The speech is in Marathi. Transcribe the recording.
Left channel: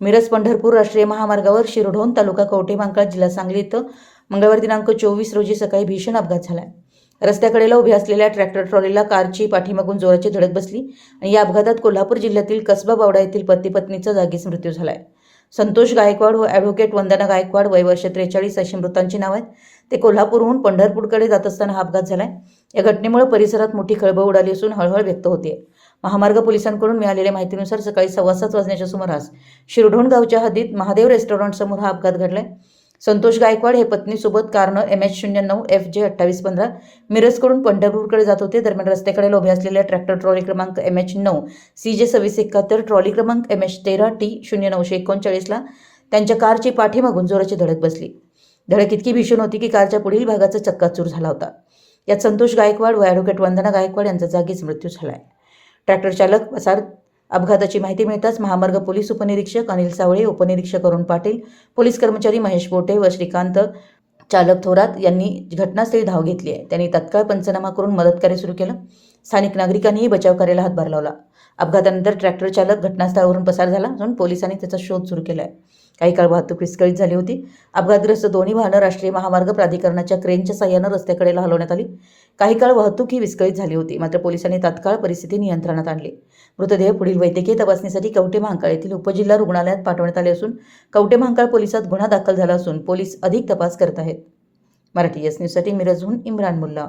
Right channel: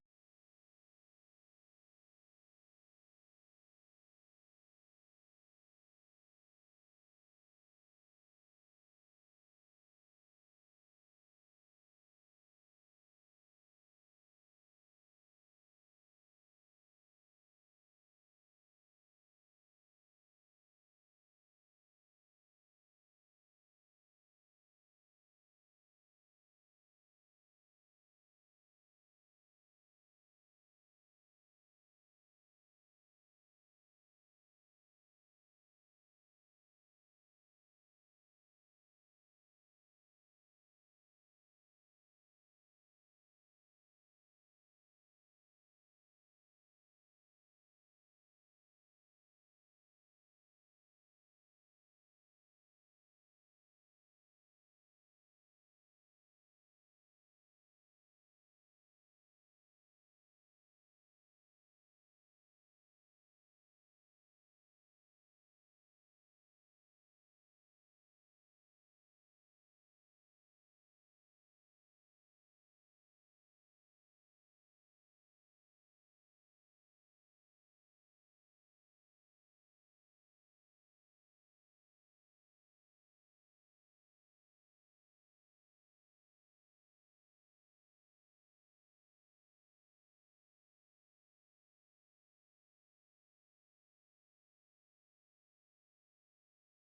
मिरज पंढरपूर राष्ट्रीय महामार्गावर शिरढोण तालुका कवठेमहांकाळ जिल्हा सांगली इथं मंगळवार दिनांक 24 रोजी सकाळी भीषण अपघात झाला. रस्त्याकडेला उभ्या असलेल्या ट्रॅक्टर ट्रॉलीला कारची पाठीमागून जोराची धडक बसली आणि या अपघातात कोल्हापूर जिल्ह्यातील कसबा बावडा येथील पती पत्नीचा जागीच मृत्यू झालाय. संतोष गायकवाड व ॲडव्होकेट वंदना गायकवाड वय वर्ष 43 अशी मृतांची नाव आहेत. ते कोल्हापूरहून पंढरपूरकडे जात असताना हा अपघात झालाय. या घटनेमुळे परिसरात मोठी खळबळ उडाली असून हळहळ व्यक्त होते. महामार्ग पोलिसांकडून मिळालेल्या माहितीनुसार सकाळी 7:15 वाजण्याच्या सुमारास शिरढोण गावच्या हद्दीत महादेव रेस्टॉरंट समोर हा अपघात घडलाय. संतोष गायकवाड हे पत्नीसोबत कारनं MH09 FJ 2815 मिरजकडून पंढरपूरकडे जात होते. दरम्यान रस्त्याकडे उभ्या असलेल्या ट्रॅक्टर ट्रॉली क्रमांक MH9 CJ 2671 ट्रॉली क्रमांक MH13 T 0939 ला त्यांच्या कारची पाठीमागून जोराची धडक बसली. धडक इतकी भीषण होती की कारच्या पुढील भागाचा चक्काचूर झाला होता. यात संतोष गायकवाड व ॲडव्होकेट वंदना गायकवाड यांचा जागीच मृत्यू झालाय. ट्रॅक्टर चालक पसार अपघाताची माहिती मिळताच महामार्ग पोलीस उपनिरीक्षक अनिल सावळे, उपनिरीक्षक अरुण पाटील, पोलीस कर्मचारी महेश बोटे व श्रीकांत चालक थोरात यांनी घटनास्थळी धाव घेतली आहे. त्यांनी तत्काळ पंचनामा करून मदतकार्य सुरू केलं. स्थानिक नागरिकांनीही बचाव कार्याला हातभार लावला. अपघातानंतर ट्रॅक्टर चालक घटनास्थळावरून पसार झाला असून पोलिसांनी त्याचा शोध सुरू केला आहे. काही काळ वाहतूक विस्कळीत झाली होती. अपघातग्रस्त दोन्ही वाहनं राष्ट्रीय महामार्ग प्राधिकरणाच्या क्रेनच्या साह्यानं रस्त्याकडेला हलवण्यात आली. काही काळ वाहतूक ही विस्कळीत झाली होती. मात्र पोलिसांनी तात्काळ परिस्थिती नियंत्रणात आणली. मृतदेह पुढील वैद्यकीय तपासणीसाठी कवठेमहांकाळ येथील उपजिल्हा रुग्णालयात पाठवण्यात आले असून कवठेमहांकाळ पोलिसात गुन्हा दाखल झाला असून पोलीस अधिक तपास करत आहेत. मराठी एस न्यूजसाठी मिरजहून इम्रान मुल्ला.